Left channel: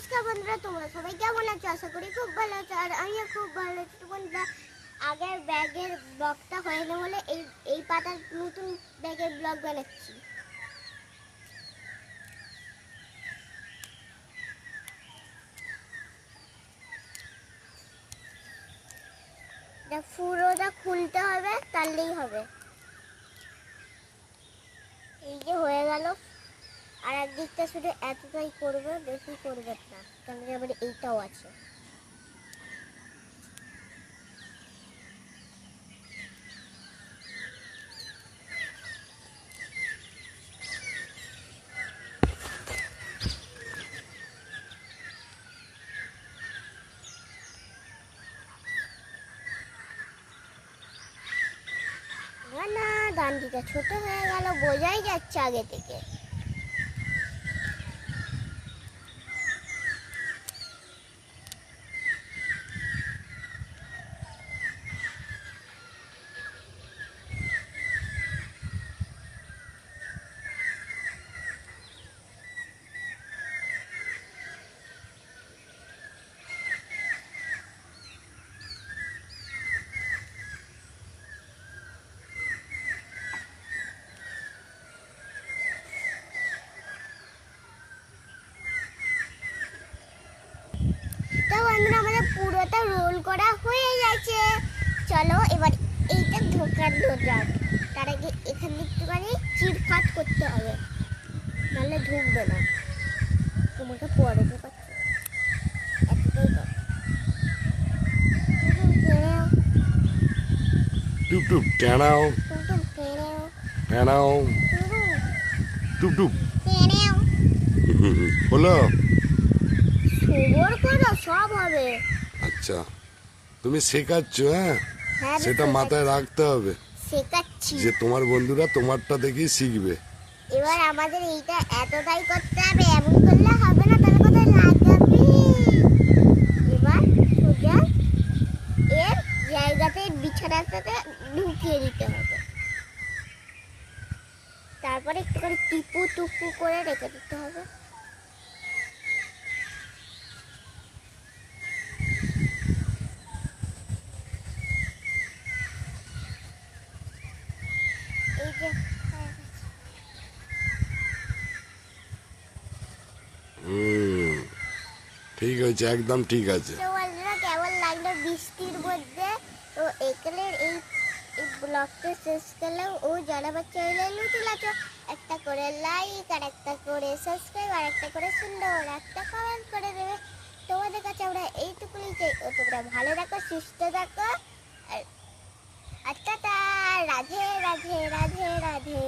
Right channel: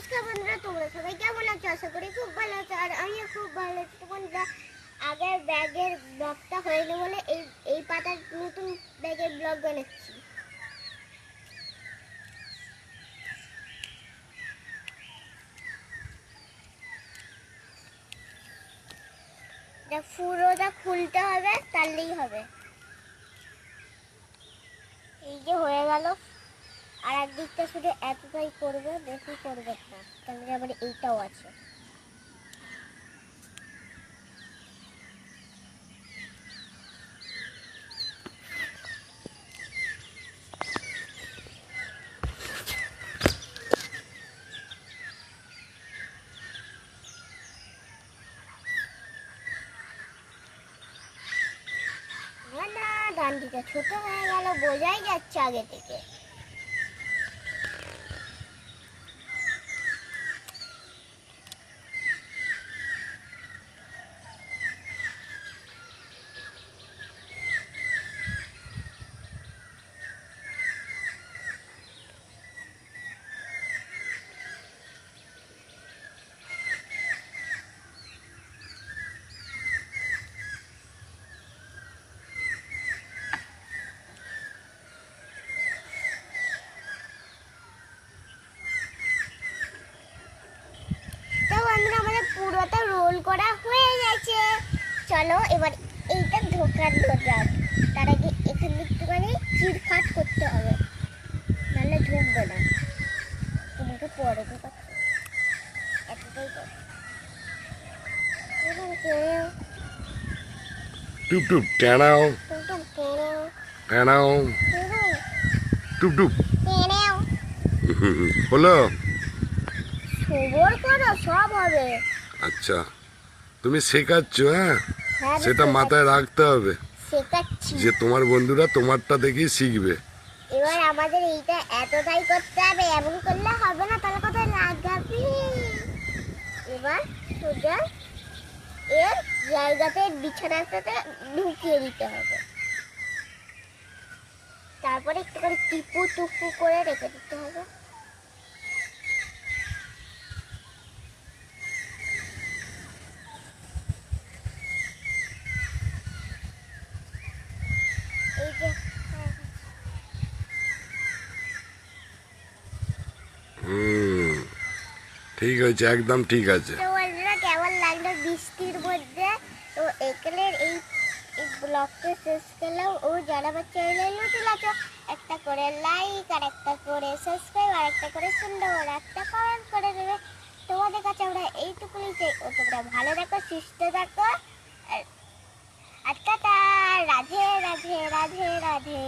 নমস্কার বন্ধুরা, তোমরা সবাই কেমন আছো? আশা করি খুব ভালো আছো। আর আমিও খুব ভালো আছি। তো বন্ধুরা, আগের ব্যাগের ব্লগটা হয়নি বলে এই পাতার নতুন ব্যাগের ব্লগ বানাচ্ছি। পুরোটা খুলতে হবে, তাহলেই হবে। এই যে হয়ে গেল। আর একদিকটা শুধু এতটাই করবে, বেশি করবে না, কেন আবার এইটাও আছে। না, ডান্ডিটা ছোট হয়ে গেল, বোঝাই যাচ্ছে আগে থেকে। তো বন্ধুরা, আমাদের পুরোটা রোল করা হয়ে গেছে। চলো এবার এইটা ঢোকানো যাক। তার আগে এখান থেকে একটুখানি চিরকাট করতে হবে, নাহলে ঢুকবে না। তোমাকে পরে ঢোকাচ্ছি, এতটাই তো। টুপ টুপ টানাও টানাও টুপ টুপ হলো। খবর করো, সব হবে। আচ্ছা, তুমি শেখাচ্ছ? হ্যাঁ, হ্যাঁ, আমি সেটা মাথায় রাখতে হবে শেখাচ্ছি। যে তোমার বন্ধুরা তোমারটা দেখেই শিখবে। এবার আমাদের এইটা এতটাই করতে হবে, এমন করলে হবে না, তাহলে কোথায় লাগাবে। এবার সোজা এর জায়গাতে বিছানাটাতে ঢুকিয়ে দিতে হবে। তারপরে একটু করে টিপু টুপু করে রেখে দিতে হবে। এই যে ঠিক আছে, একদম ঠিক আছে। তো বন্ধুরা, কেমন লাগলো বৃষ্টির মধ্যে? তো এখানের এই ব্লগটা শেষ করলাম। ও যারা বাচ্চা নতুন আছো, একটা করে লাইক, আর একটা করে সাবস্ক্রাইব, আর একটা করে সুন্দর একটা কমেন্ট করে দেবে। তোমাদের কাছে আমরা এইটুকুনি চাই, ও তোমরা ভালো থাকো, সুস্থ থাকো। আর টাটা, রাধে রাধে রাধে রাধে।